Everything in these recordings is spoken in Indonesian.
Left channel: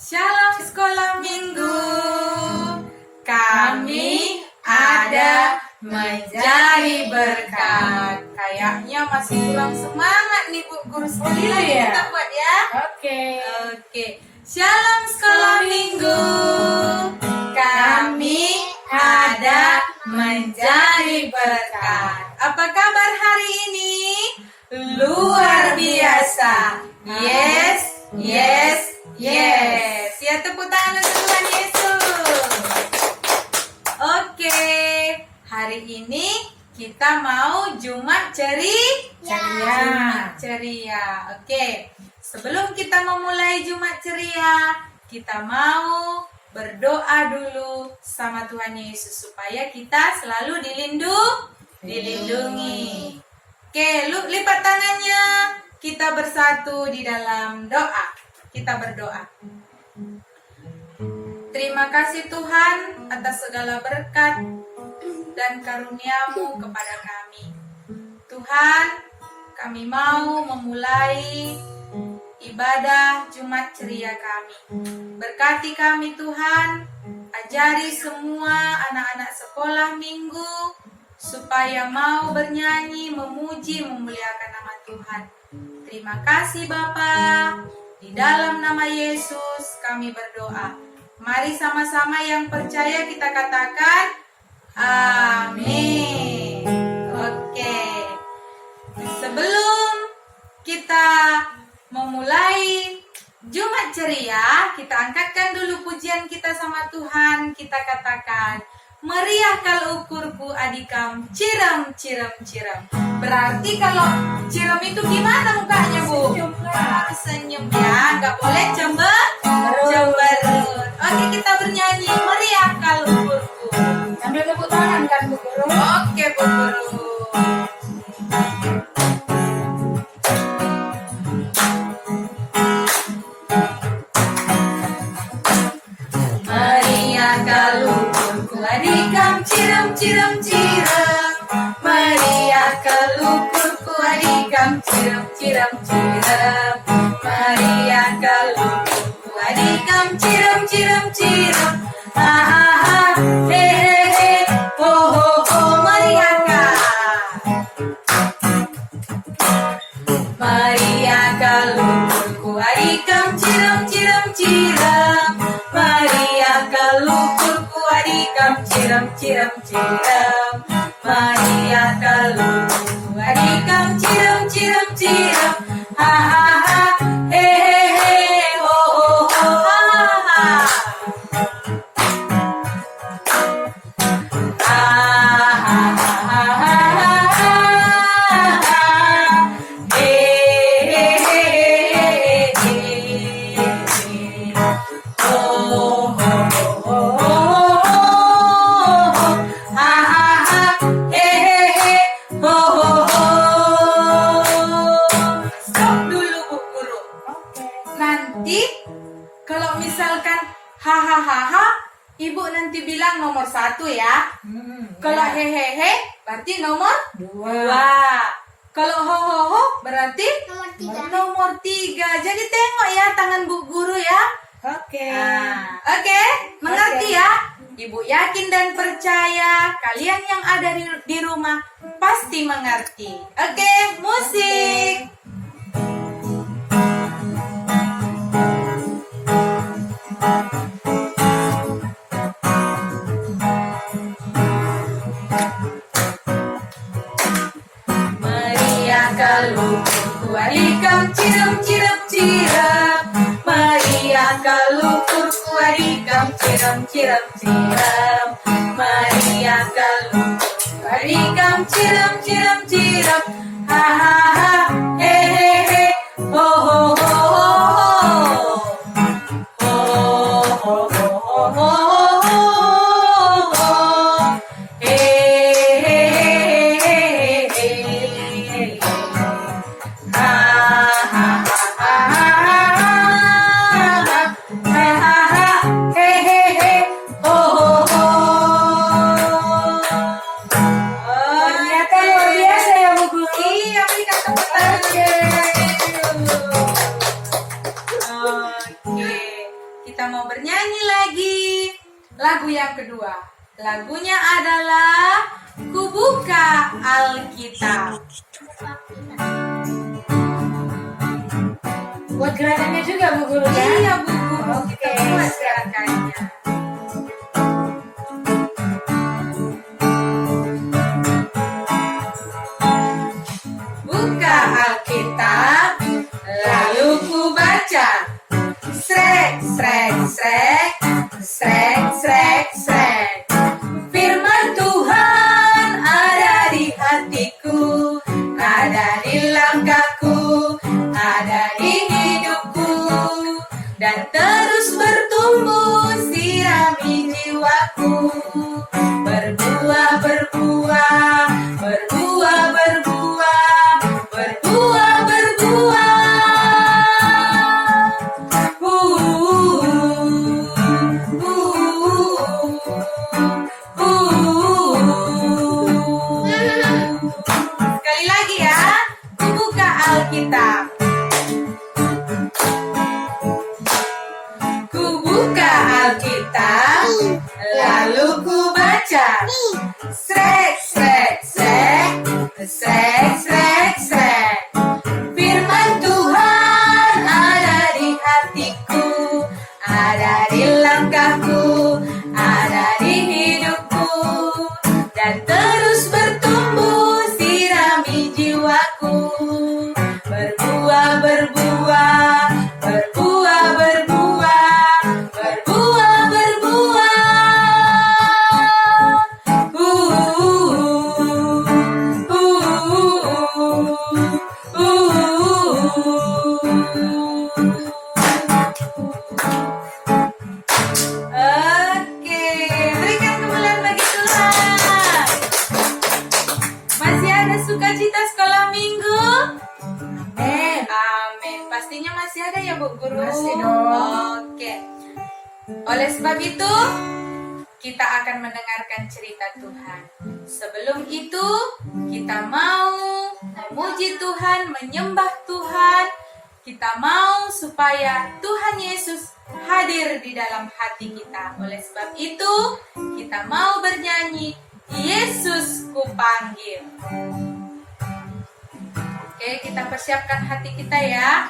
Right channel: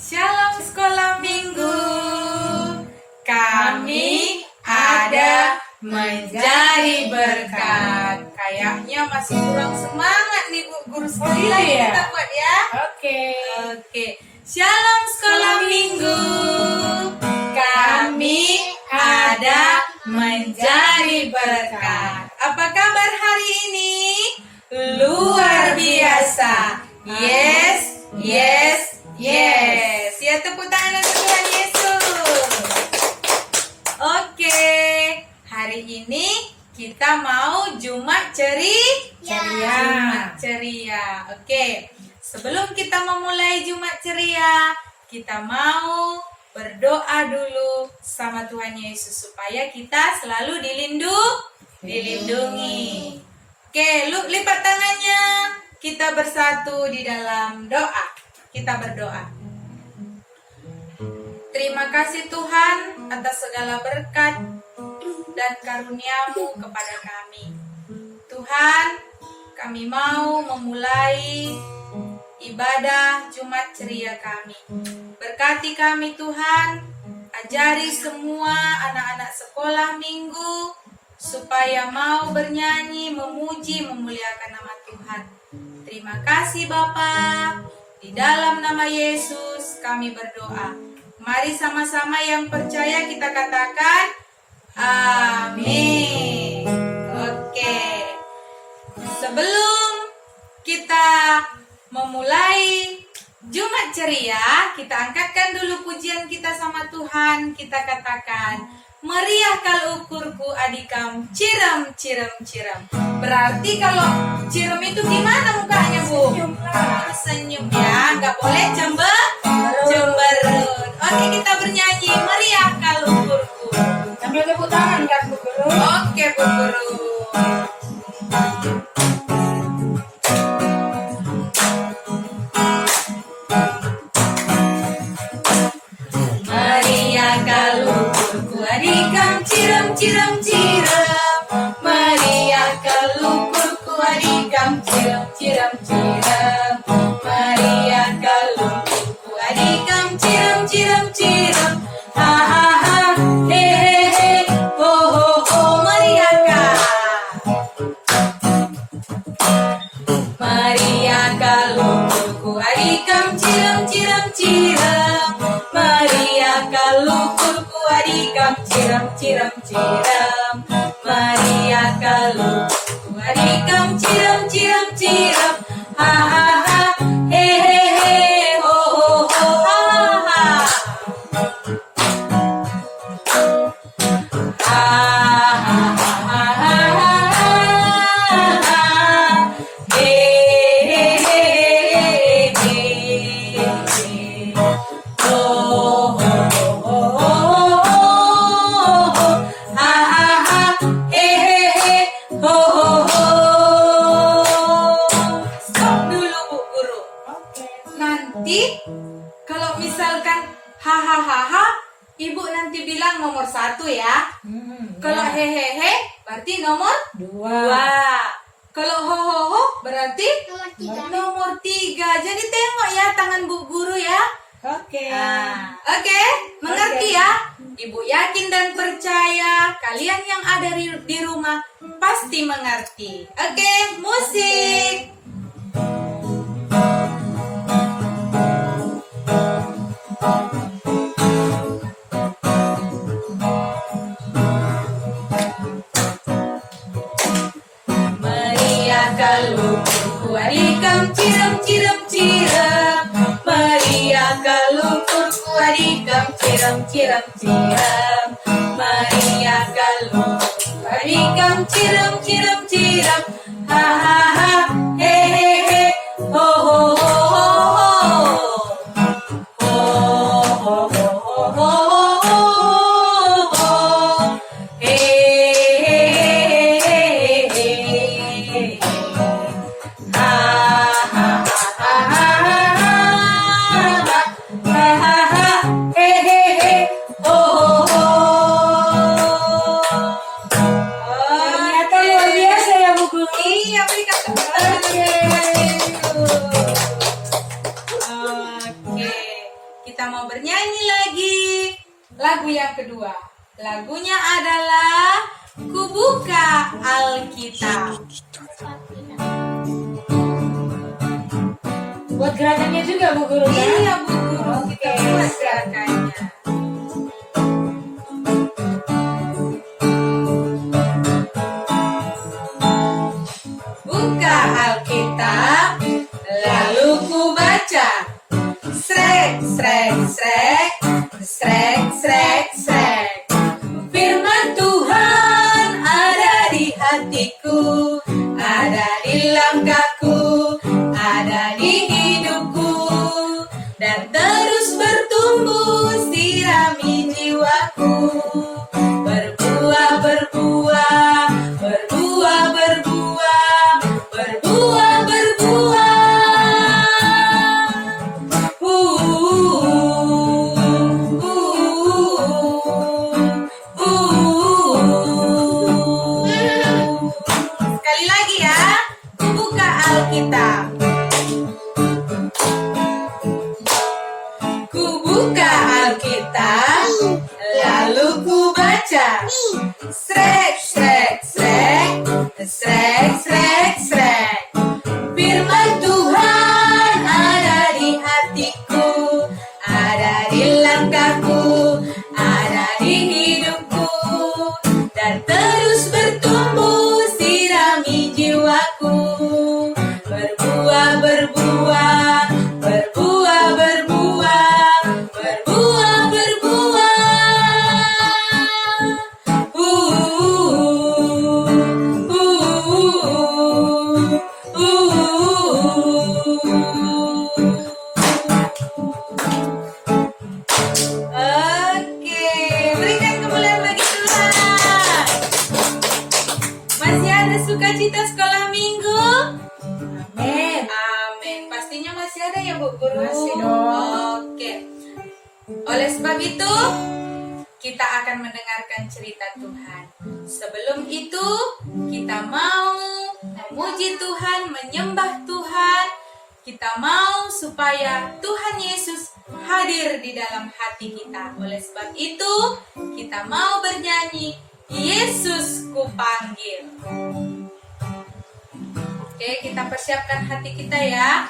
Shalom sekolah minggu. Kami ada menjadi berkat. Kayaknya masih kurang semangat nih Bu Guru sekalian ya? kita buat ya. Oke. Shalom sekolah minggu. Kami ada menjadi berkat. Apa kabar hari ini? Luar biasa. Yes. Ya, tepuk tangan untuk Tuhan Yesus. Oke, hari ini kita mau Jumat ceria. Oke, sebelum kita memulai Jumat ceria, kita mau berdoa dulu sama Tuhan Yesus supaya kita selalu dilindungi. Oke, lipat tangannya. Kita bersatu di dalam doa. Kita berdoa. Terima kasih Tuhan atas segala berkat dan karunia-Mu kepada kami. Tuhan, kami mau memulai ibadah Jumat ceria kami. Berkati kami Tuhan, ajari semua anak-anak sekolah minggu supaya mau bernyanyi, memuji, memuliakan nama Tuhan. Terima kasih Bapa. Di dalam nama Yesus kami berdoa. Mari sama-sama yang percaya kita katakan amin. Oke. Sebelum kita memulai Jumat ceria, kita angkatkan dulu pujian kita sama Tuhan. Kita katakan, meriah kal ukurku adikam, ciram. Berarti kalau ciram itu gimana mukanya Bu? Senyum ya, nggak boleh cemberut. Oke, kita bernyanyi meriah kal ukurku. Sambil tepuk tangan kan Bu Guru? Oke Bu Guru. Meriah kal ukurku adikam, ciram. Meriah kal ukurku adikam, ciram. Meriah kal ukurku adikam, ciram. Ha, he, ho, meriah kal. Meriah kal ukurku adikam, ciram. Meriah kal ukurku adikam, ciram. Meriah kal ukurku adikam, ciram. Ha, he, ho, ha. Stop dulu Bu Guru. Nanti kalau misalkan hahaha, Ibu nanti bilang nomor 1 ya. Kalau hehehe berarti nomor 2. Kalau ho berarti nomor 3. Jadi tengok ya tangan Bu Guru ya. Oke. Oke, mengerti ya? Ibu yakin dan percaya kalian yang ada di rumah pasti mengerti. Oke, musik. Meriah kal ukurku adikam, ciram. Meriah kal ukurku adikam, ciram. Meriah kal ukurku adikam, ciram. Ha, he, ho, Ternyata luar biasa ya Bu Guru. kita mau bernyanyi lagi. Lagu yang kedua. Lagunya adalah Kubuka Alkitab. Buat gerakannya juga Bu Guru kan? Iya Bu Guru, Oke. kita buat gerakannya. Buka Alkitab, lalu ku baca. Srek, srek, srek, srek, srek, srek. Firman Tuhan ada di hatiku, ada di langkahku, ada di hidupku, dan terus bertumbuh sirami jiwaku. Berbuah, berbuah, berbuah, berbuah, berbuah, berbuah. Sekali lagi ya, buka Alkitab. Ku buka Alkitab, lalu ku baca. Srek, srek, srek, srek, srek, srek. Firman Tuhan ada di hatiku, ada di langkahku, ada di hidupku, dan terus bertumbuh sirami jiwaku. Berbuah, berbuah, berbuah, berbuah, berbuah, berbuah. Oke, berikan kemuliaan bagi Tuhan. Masih ada sukacita sekolah minggu? Amin. Amin. Pastinya masih ada ya Bu Guru? Masih dong. Oke. Oleh sebab itu, kita akan mendengarkan cerita Tuhan. Sebelum itu, kita mau memuji Tuhan, menyembah Tuhan. Kita mau supaya Tuhan Yesus hadir di dalam hati kita. Oleh sebab itu, kita mau bernyanyi, Yesus kupanggil. Oke, kita persiapkan hati kita ya.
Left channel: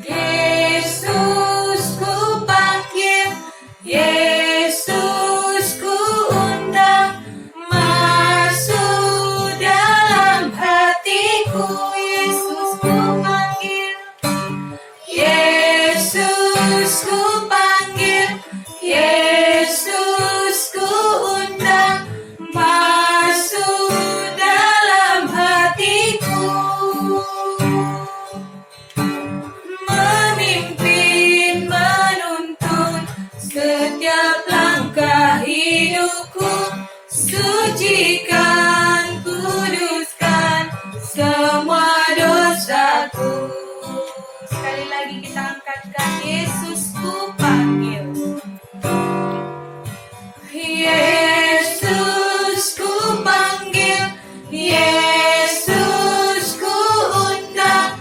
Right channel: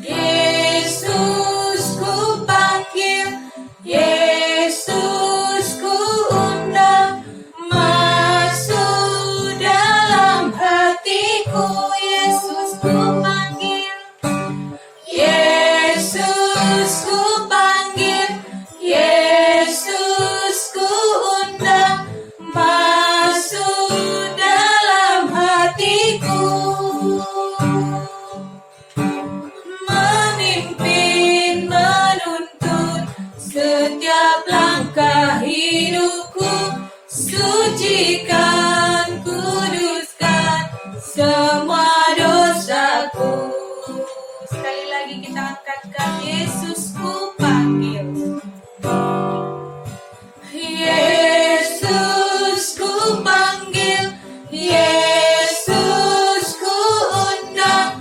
Yesus kupanggil, Yesus ku undang, masuk dalam hatiku. Yesus kupanggil, Yesus kupanggil, Yesus ku undang, masuk dalam hatiku. Memimpin, menuntun setiap langkah hidupku, sucikan, kuduskan semua dosaku. Sekali lagi kita angkatkan, Yesus ku panggil. Yesus ku panggil, Yesus ku undang,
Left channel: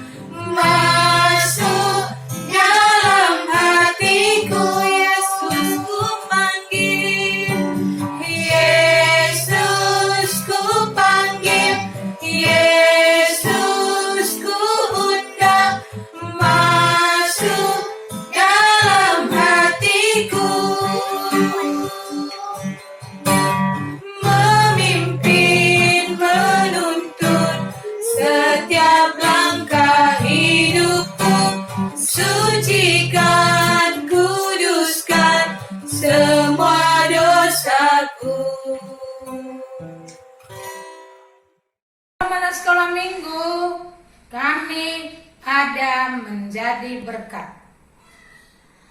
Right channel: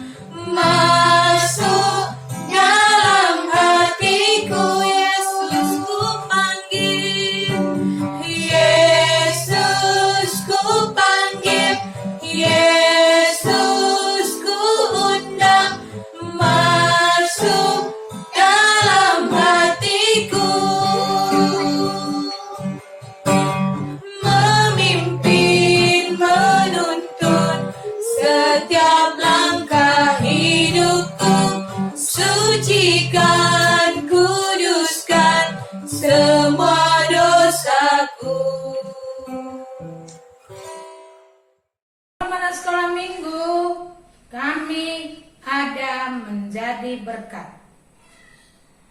masuk dalam hatiku. Yesus ku panggil, Yesus ku panggil, Yesus ku undang, masuk dalam hatiku. Memimpin, menuntun setiap langkah hidupku, sucikan, kuduskan semua dosaku. Teman sekolah minggu, kami ada menjadi berkat.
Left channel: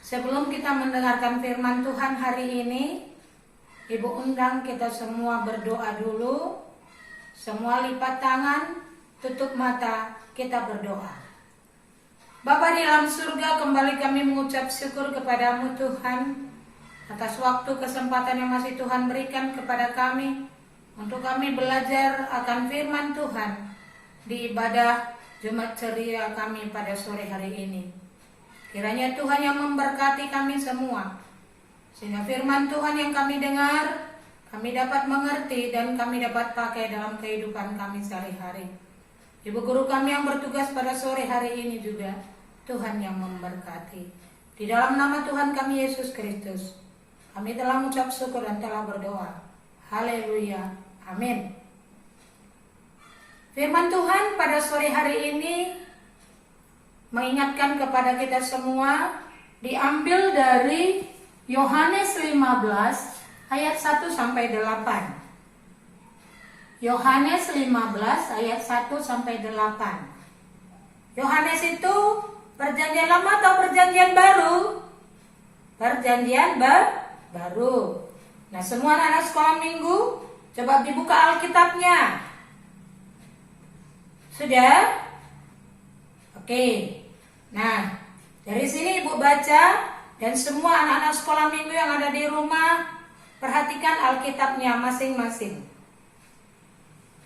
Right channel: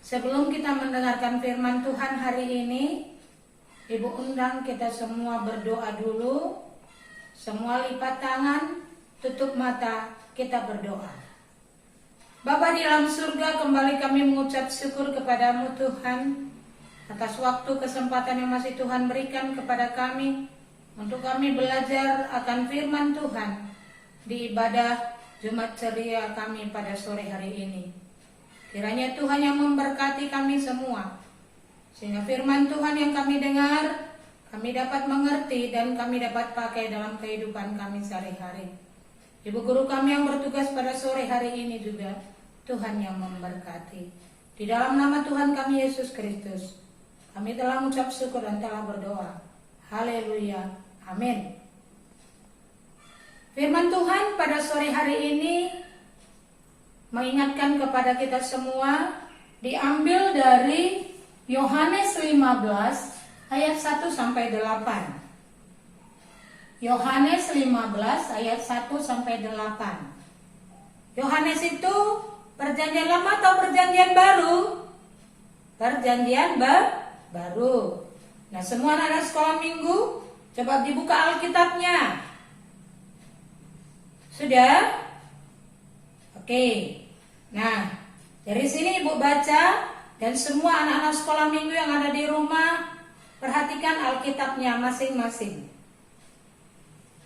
Sebelum kita mendengarkan firman Tuhan hari ini, Ibu undang kita semua berdoa dulu. Semua lipat tangan, tutup mata, kita berdoa. Bapa di dalam surga, kembali kami mengucap syukur kepadamu Tuhan atas waktu kesempatan yang masih Tuhan berikan kepada kami untuk kami belajar akan firman Tuhan di ibadah Jumat ceria kami pada sore hari ini. Kiranya Tuhan yang memberkati kami semua, sehingga firman Tuhan yang kami dengar, kami dapat mengerti dan kami dapat pakai dalam kehidupan kami sehari-hari. Ibu guru kami yang bertugas pada sore hari ini juga, Tuhan yang memberkati. Di dalam nama Tuhan kami Yesus Kristus, kami telah mengucap syukur dan telah berdoa. Haleluya. Amin. Firman Tuhan pada sore hari ini mengingatkan kepada kita semua, diambil dari Yohanes 15 ayat 1 sampai 8. Yohanes 15 ayat 1 sampai 8. Yohanes itu perjanjian lama atau perjanjian baru? Perjanjian baru. Nah, semua anak sekolah minggu, coba dibuka Alkitabnya. Sudah? Oke. Nah, dari sini Ibu baca, dan semua anak-anak sekolah minggu yang ada di rumah, perhatikan Alkitabnya masing-masing.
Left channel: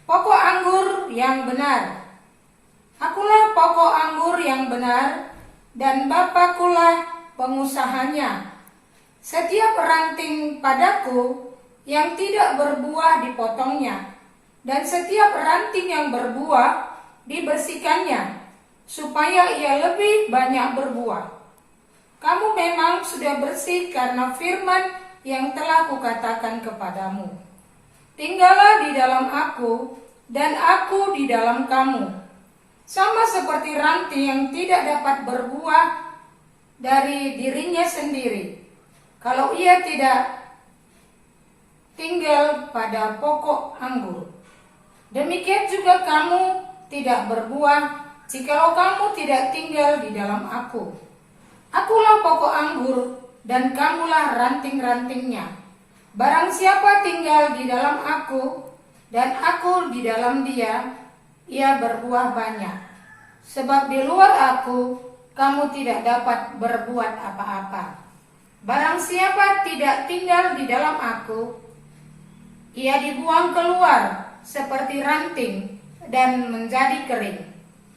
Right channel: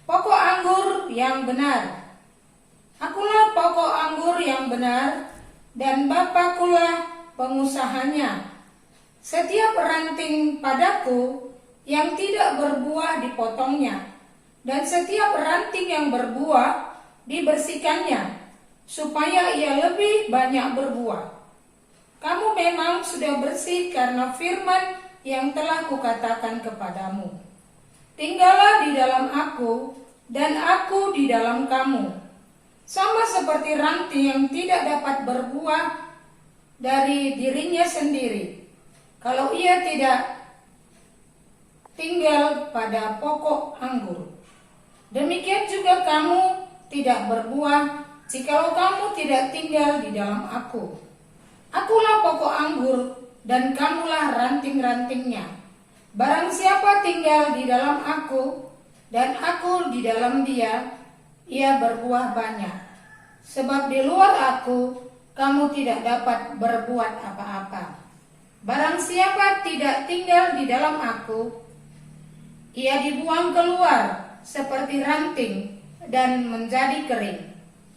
Pokok anggur yang benar. Akulah pokok anggur yang benar, dan Bapakulah pengusahanya. Setiap ranting padaku yang tidak berbuah dipotongnya, dan setiap ranting yang berbuah dibersihkannya, supaya ia lebih banyak berbuah. Kamu memang sudah bersih karena firman yang telah kukatakan kepadamu. Tinggallah di dalam aku, dan aku di dalam kamu. Sama seperti ranting yang tidak dapat berbuah dari dirinya sendiri, kalau ia tidak tinggal pada pokok anggur. Demikian juga kamu tidak berbuah jikalau kamu tidak tinggal di dalam aku. Akulah pokok anggur, dan kamulah ranting-rantingnya. Barang siapa tinggal di dalam aku, dan aku di dalam dia, ia berbuah banyak. Sebab di luar aku, kamu tidak dapat berbuat apa-apa. Barang siapa tidak tinggal di dalam aku, ia dibuang keluar seperti ranting dan menjadi kering.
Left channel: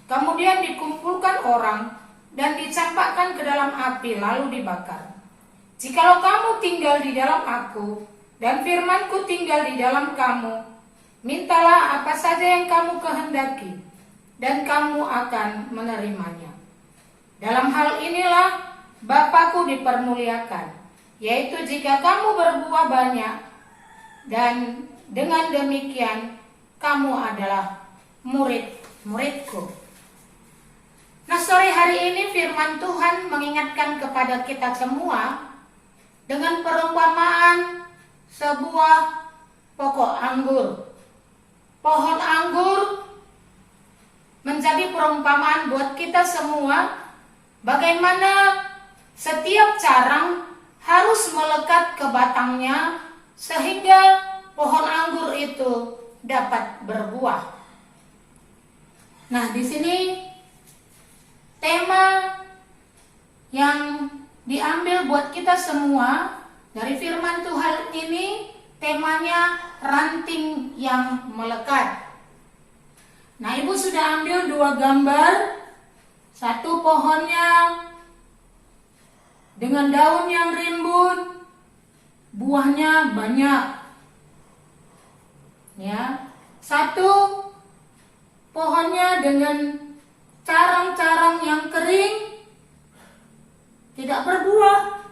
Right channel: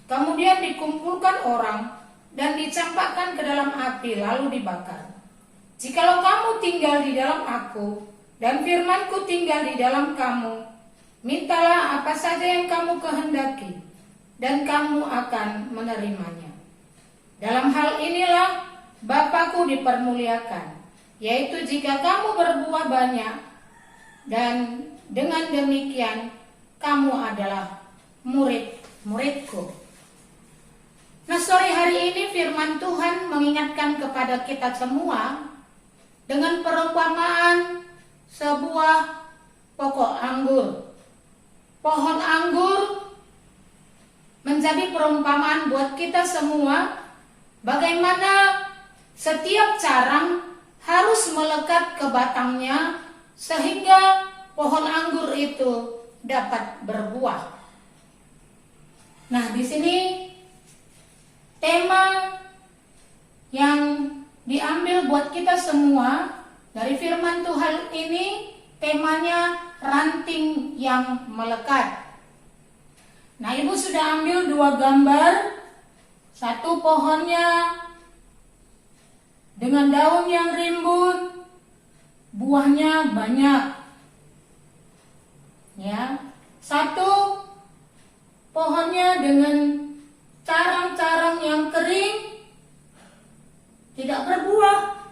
Kemudian dikumpulkan orang dan dicampakkan ke dalam api lalu dibakar. Jikalau kamu tinggal di dalam aku dan firmanku tinggal di dalam kamu, mintalah apa saja yang kamu kehendaki dan kamu akan menerimanya. Dalam hal inilah Bapakku dipermuliakan, yaitu jika kamu berbuah banyak, dan dengan demikian kamu adalah murid-muridku. Nah, sore hari ini firman Tuhan mengingatkan kepada kita semua dengan perumpamaan sebuah pokok anggur. Pohon anggur menjadi perumpamaan buat kita semua, bagaimana setiap carang harus melekat ke batangnya sehingga pohon anggur itu dapat berbuah. Nah, di sini tema yang diambil buat kita semua dari firman Tuhan ini, temanya ranting yang melekat. Nah, Ibu sudah ambil 2 gambar. Satu pohonnya dengan daun yang rimbun, buahnya banyak. Ya. Satu pohonnya dengan carang-carang yang kering, tidak berbuah.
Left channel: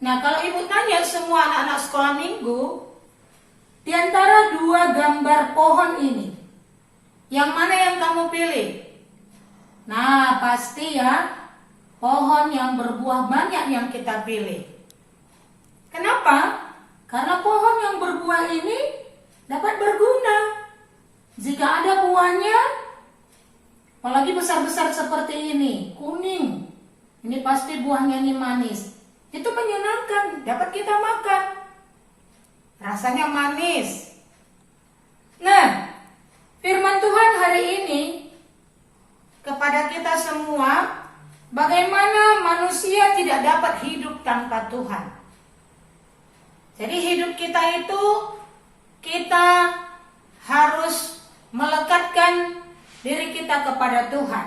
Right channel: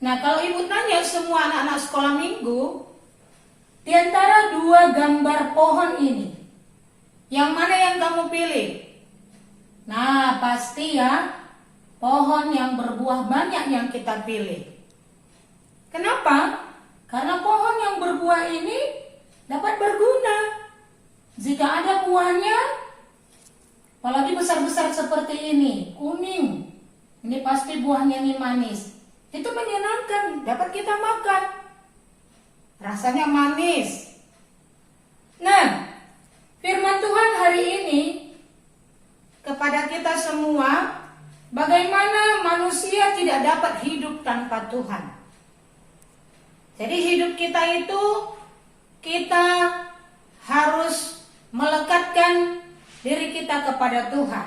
Nah, kalau Ibu tanya semua anak-anak sekolah minggu, di antara 2 gambar pohon ini, yang mana yang kamu pilih? Nah, pasti ya, pohon yang berbuah banyak yang kita pilih. Kenapa? Karena pohon yang berbuah ini dapat berguna. Jika ada buahnya, apalagi besar-besar seperti ini, kuning, ini pasti buahnya ini manis. Itu menyenangkan, dapat kita makan. Rasanya manis. Nah, firman Tuhan hari ini kepada kita semua, bagaimana manusia tidak dapat hidup tanpa Tuhan. Jadi hidup kita itu, kita harus melekatkan diri kita kepada Tuhan.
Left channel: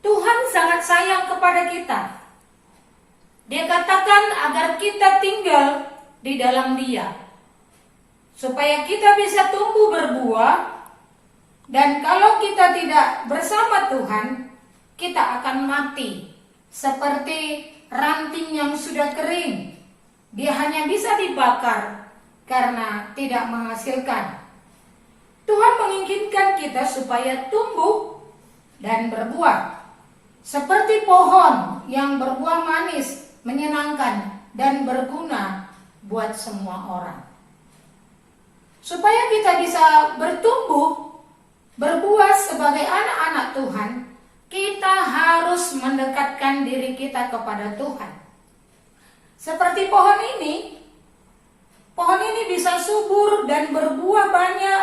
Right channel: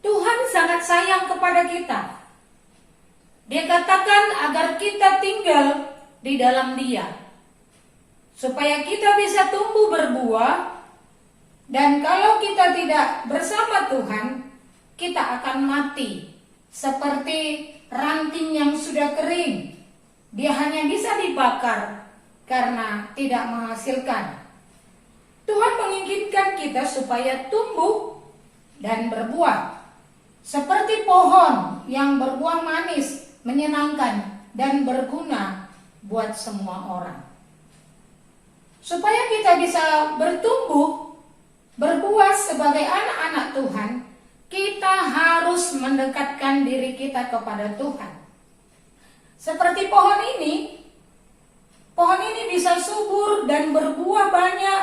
Tuhan sangat sayang kepada kita. Dia katakan agar kita tinggal di dalam Dia, supaya kita bisa tumbuh berbuah. Dan kalau kita tidak bersama Tuhan, kita akan mati seperti ranting yang sudah kering. Dia hanya bisa dibakar karena tidak menghasilkan. Tuhan menginginkan kita supaya tumbuh dan berbuah seperti pohon yang berbuah manis, menyenangkan dan berguna buat semua orang. Supaya kita bisa bertumbuh, berbuah sebagai anak-anak Tuhan, kita harus mendekatkan diri kita kepada Tuhan. Seperti pohon ini bisa subur dan berbuah banyak,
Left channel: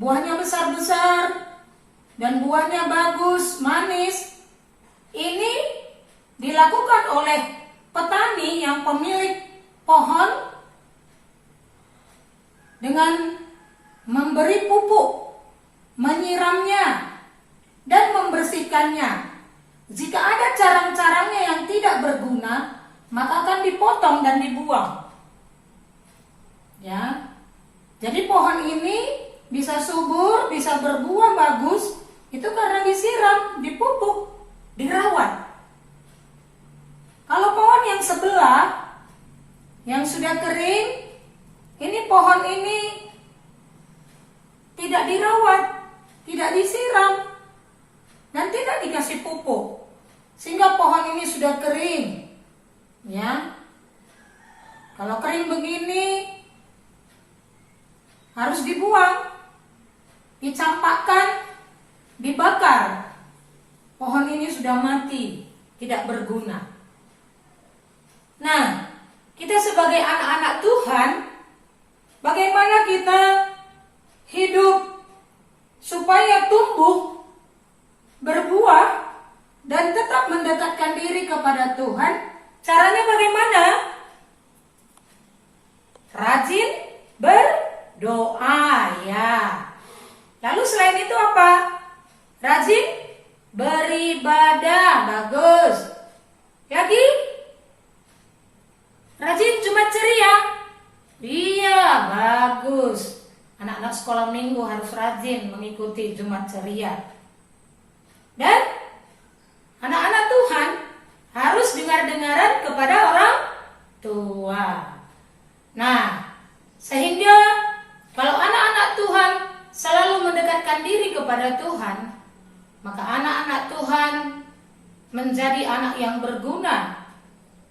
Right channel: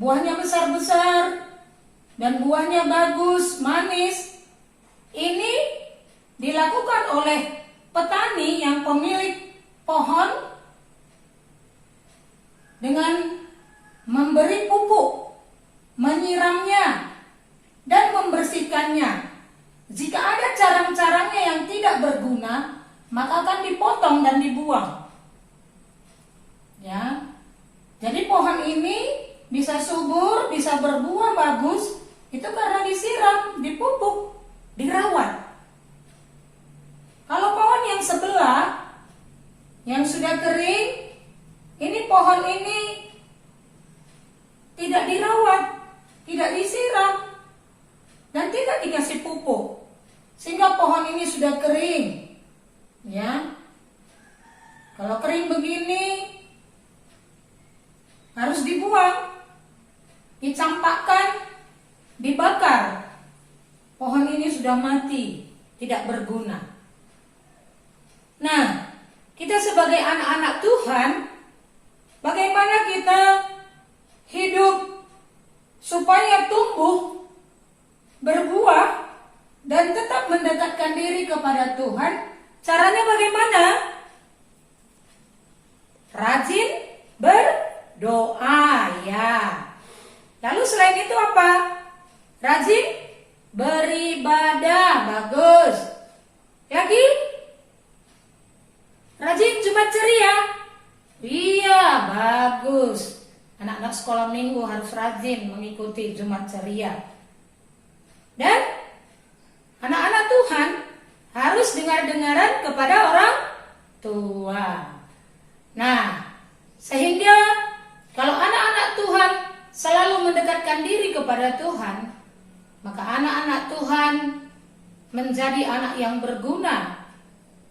buahnya besar-besar dan buahnya bagus, manis. Ini dilakukan oleh petani yang pemilik pohon dengan memberi pupuk, menyiramnya, dan membersihkannya. Jika ada carang-carangnya yang tidak berguna, maka akan dipotong dan dibuang. Ya, jadi pohon ini bisa subur, bisa berbuah bagus, itu karena disiram, dipupuk, dirawat. Kalau pohon yang sebelah, yang sudah kering, ini pohon ini tidak dirawat, tidak disiram, dan tidak dikasih pupuk, sehingga pohon ini sudah kering. Ya, kalau kering begini harus dibuang, dicampakkan, dibakar. Pohon ini sudah mati, tidak berguna. Nah, kita sebagai anak-anak Tuhan, bagaimana kita hidup supaya tumbuh, berbuah, dan tetap mendekatkan diri kepada Tuhan? Caranya bagaimana? Rajin berdoa, ya. Lalu selain itu apa? Rajin beribadah, bagus. Lagi? Rajin Jumat ceria. Iya, bagus. Anak-anak sekolah minggu harus rajin mengikuti Jumat ceria. Dan anak-anak Tuhan harus dengar-dengaran kepada orang tua. Nah, sehingga kalau anak-anak Tuhan selalu mendekatkan diri kepada Tuhan, maka anak-anak Tuhan menjadi anak yang berguna,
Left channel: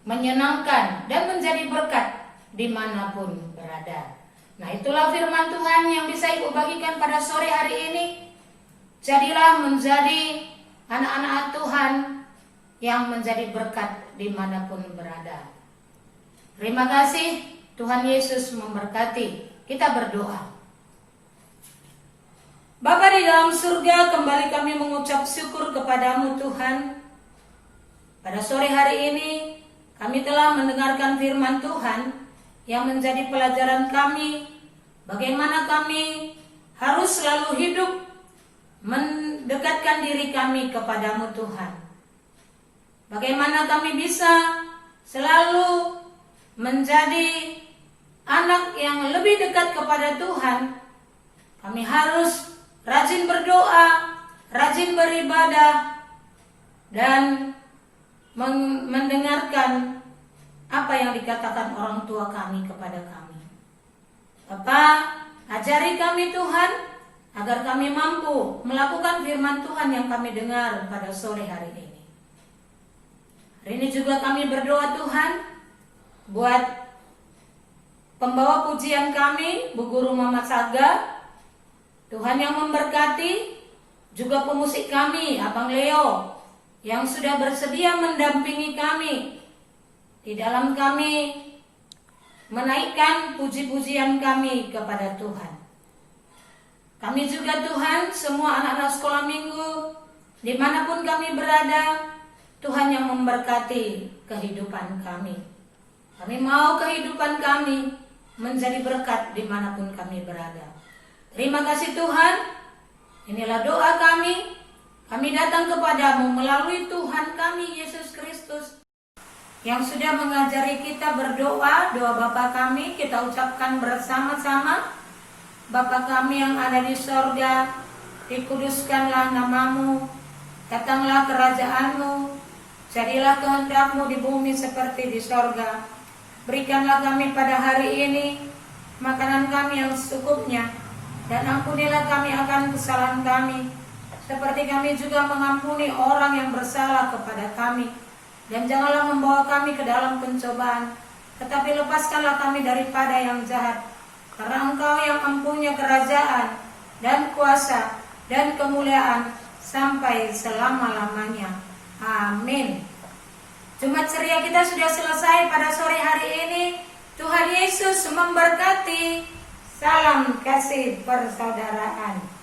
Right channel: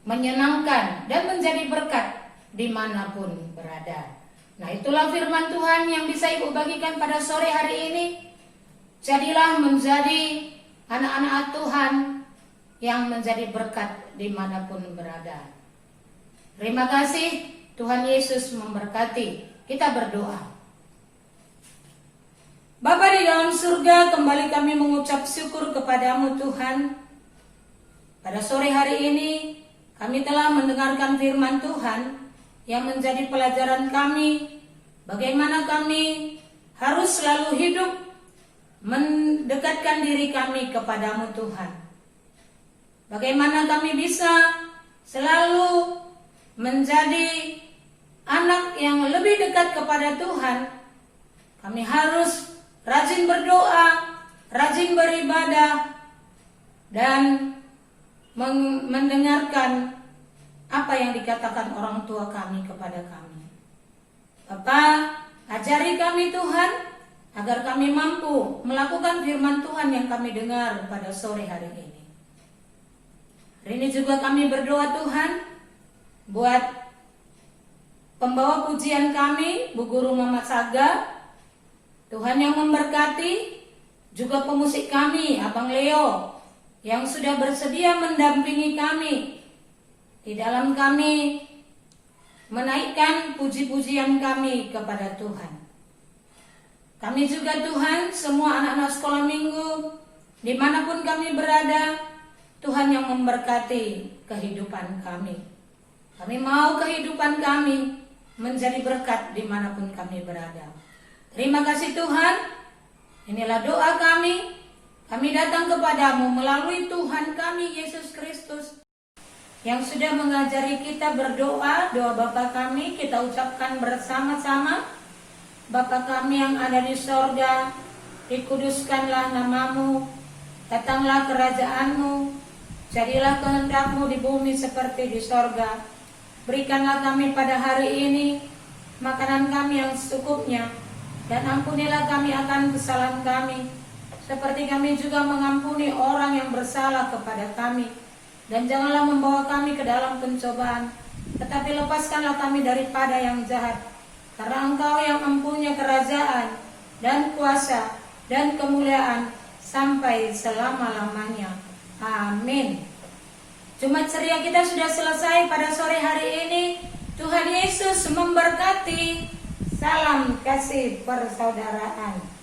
menyenangkan, dan menjadi berkat dimanapun berada. Nah, itulah firman Tuhan yang bisa Ibu bagikan pada sore hari ini. Jadilah menjadi anak-anak Tuhan yang menjadi berkat dimanapun berada. Terima kasih, Tuhan Yesus memberkati. Kita berdoa. Bapa di dalam surga, kembali kami mengucap syukur kepadamu Tuhan. Pada sore hari ini kami telah mendengarkan firman Tuhan yang menjadi pelajaran kami, bagaimana kami harus selalu hidup mendekatkan diri kami kepadamu Tuhan. Bagaimana kami bisa selalu menjadi anak yang lebih dekat kepada Tuhan. Kami harus rajin berdoa, rajin beribadah, dan mendengarkan apa yang dikatakan orang tua kami kepada kami. Bapa, ajari kami Tuhan, agar kami mampu melakukan firman Tuhan yang kami dengar pada sore hari ini. Hari ini juga kami berdoa Tuhan, buat pembawa pujian kami, Bu Guru Mama Saga. Tuhan yang memberkati, juga pemusik kami, Abang Leo, yang sudah bersedia mendampingi kami Di dalam kami menaikkan puji-pujian kami kepada Tuhan. Kami juga Tuhan, semua anak-anak sekolah minggu, dimanapun kami berada, Tuhan yang memberkati kehidupan kami. Kami mau kehidupan kami menjadi berkat dimanapun kami berada. Terima kasih Tuhan, inilah doa kami. Kami datang kepadamu melalui Tuhan kami Yesus Kristus, yang sudah mengajari kita berdoa. Doa Bapa kami kita ucapkan bersama-sama. Bapa kami yang ada di sorga, dikuduskanlah namamu, datanglah kerajaanmu, jadilah kehendak-Mu di bumi seperti di sorga. Berikanlah kami pada hari ini makanan kami yang secukupnya, dan ampunilah kami akan kesalahan kami, seperti kami juga mengampuni orang yang bersalah kepada kami. Dan janganlah membawa kami ke dalam pencobaan, tetapi lepaskanlah kami daripada yang jahat. Karena Engkau yang mempunyai kerajaan dan kuasa dan kemuliaan sampai selama-lamanya. Amin. Jumat ceria kita sudah selesai pada sore hari ini. Tuhan Yesus memberkati. Salam kasih persaudaraan.